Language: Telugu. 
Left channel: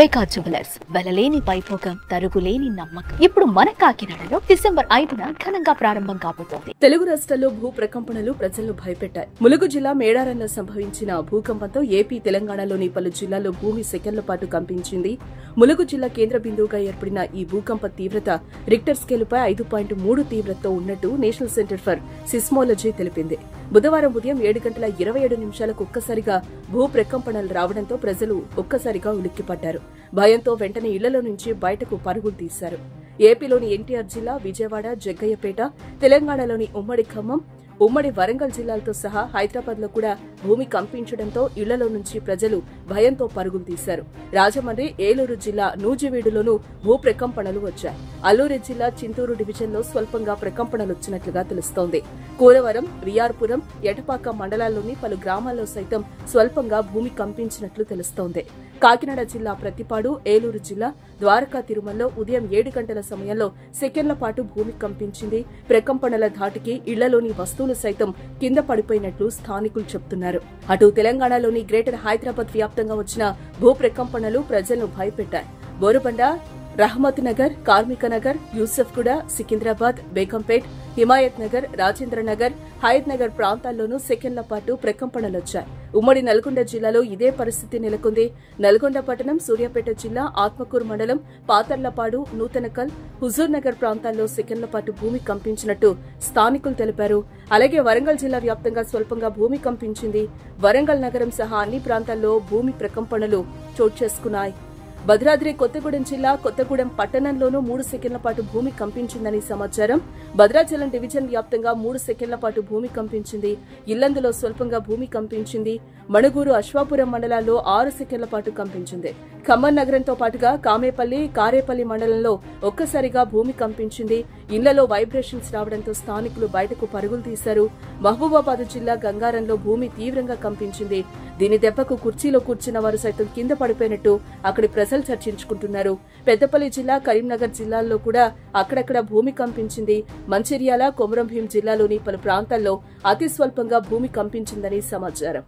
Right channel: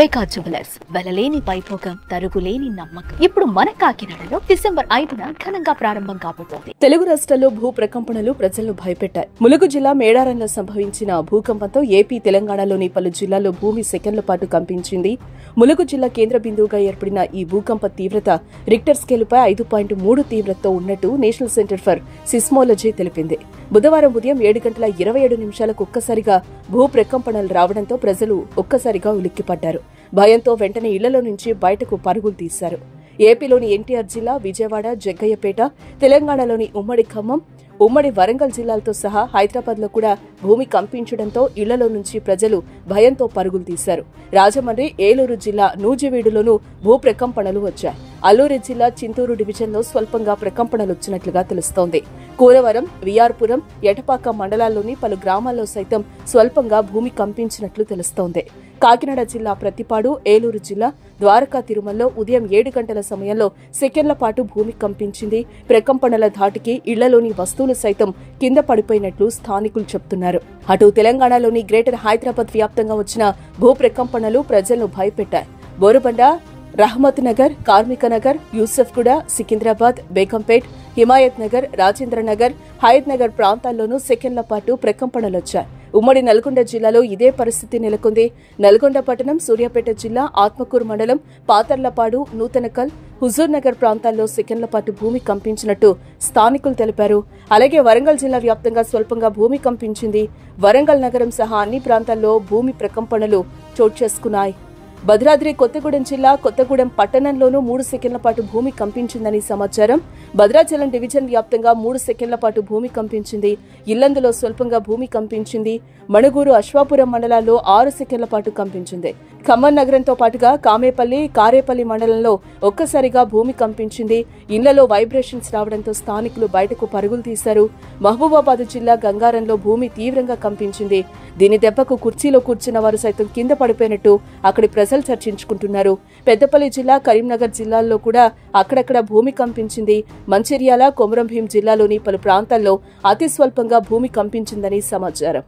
వైకా జ్యువెలర్స్ వెలలేని వైభోగం తరుగులేని నమ్మకం. ఇప్పుడు మన కాకినాడలో డిసెంబర్ 5న ఘనంగా ప్రారంభం కాబోతోంది. తెలుగు రాష్ట్రాల్లో భూ ప్రకంపనలు ప్రజలను భయపెట్టాయి. ములుగు జిల్లా మేడారంలో సంభవించిన భూకంపంతో ఏపీ, తెలంగాణలోని పలు జిల్లాల్లో భూమి సెకన్ల పాటు కంపించింది. ములుగు జిల్లా కేంద్ర బిందువుగా ఏర్పడిన ఈ భూకంప తీవ్రత రిక్టర్ స్కేలుపై 5.3 తీవ్రతతో ఉన్నట్టు నేషనల్ సెంటర్ ఫర్ సిస్మోలజీ తెలిపింది. బుధవారం ఉదయం 7:27 ఒక్కసారిగా భూ ప్రకంపనలు రావడంతో ప్రజలు ఒక్కసారిగా ఉలిక్కిపడ్డారు. భయంతో వెంటనే ఇళ్లలో నుంచి బయటకు పరుగులు తీశారు. ఏపీలోని ఎన్టీఆర్ జిల్లా, విజయవాడ, జగ్గయ్యపేట, తెలంగాణలోని ఉమ్మడి ఖమ్మం, ఉమ్మడి వరంగల్ జిల్లాలతో సహా హైదరాబాద్లో కూడా భూమి కంపించడంతో ఇళ్లలో నుంచి ప్రజలు భయంతో పరుగులు తీశారు. రాజమండ్రి, ఏలూరు జిల్లా నూజివీడులోనూ భూ ప్రకంపనలు వచ్చాయి. అల్లూరి జిల్లా చింతూరు డివిజన్లో స్వల్పంగా ప్రకంపనలు వచ్చినట్లుగా తెలుస్తోంది. కూరవరం, విఆర్పురం, ఎటపాక మండలాల్లోని పలు గ్రామాల్లో సైతం స్వల్పంగా భూమి కంపించినట్లు తెలుస్తోంది. కాకినాడ జిల్లా ప్రతిపాడు, ఏలూరు జిల్లా ద్వారకా తిరుమలలో ఉదయం 7 గంటల సమయంలో సెకన్ల పాటు భూమి కంపించింది. ప్రకంపనల ధాటికి ఇళ్లలోని వస్తువులు సైతం కింద పడిపోయినట్లు స్థానికులు చెబుతున్నారు. అటు తెలంగాణలోని గ్రేటర్ హైదరాబాద్ వ్యాప్తంగా వచ్చిన భూ ప్రకంపనలు ప్రజలను భయపెట్టాయి. బోరుబండ, రహమత్ నగర్, కార్మిక నగర్, యూసఫ్గూడ, సికింద్రాబాద్, బేగంపేట్, హిమాయత్ నగర్, రాజేంద్ర నగర్, హయత్ నగర్ ప్రాంతాల్లోనూ సెకన్ల పాటు ప్రకంపనలొచ్చాయి. ఉమ్మడి నల్గొండ జిల్లాలో ఇదే పరిస్థితి నెలకొంది. నల్గొండ పట్టణం, సూర్యాపేట జిల్లా, ఆత్మకూరు మండలం, పాతర్లపాడు, నూతనకల్, హుజూర్ నగర్ ప్రాంతాల్లో సెకన్ల పాటు భూమి కంపించినట్టు స్థానికులు తెలిపారు. అలాగే వరంగల్ జిల్లా వ్యాప్తంగా స్వల్పంగా భూమి కంపించింది. వరంగల్ నగరం సహా అన్ని ప్రాంతాల్లో భూమి ప్రకంపనలు చోటు చేసుకున్నాయి. భద్రాద్రి కొత్తగూడెం జిల్లా కొత్తగూడెం పట్టణంలోనూ 3 సెకన్ల పాటు భూమి కంపించిందని సమాచారం. భద్రాచలం డివిజన్ వ్యాప్తంగా 3 సెకన్ల పాటు భూమి కంపించింది. ఇల్లందులో స్వల్పంగా భూమి కంపించింది. మణుగూరు, అశ్వాపురం మండలాల్లో 6 సెకన్ల పాటు కంపించింది. ఖమ్మం నగరంతో పాటుగా కామేపల్లి, కారేపల్లి మండలంలో ఒక్కసారిగా భూమి కంపించింది. ఇళ్లలో వైబ్రేషన్స్ రావడంతో స్థానికులు బయటకు పరుగులు తీశారు. మహబూబాబాద్ జిల్లా గంగారంలో భూమి తీవ్రంగా కంపించింది. దీని దెబ్బకు కుర్చీలో కూర్చున్న వారు సైతం కింద పడిపోయినట్టు అక్కడి ప్రజలు చర్చించుకుంటున్నారు. పెద్దపల్లి జిల్లా, కరీంనగర్ జిల్లాల్లో కూడా అక్కడక్కడ భూమి కంపించింది. మంచిర్యాల, కొమరంభీం జిల్లాలోని పలు ప్రాంతాల్లో అతి స్వల్పంగా భూమి కంపించిందని సమాచారం.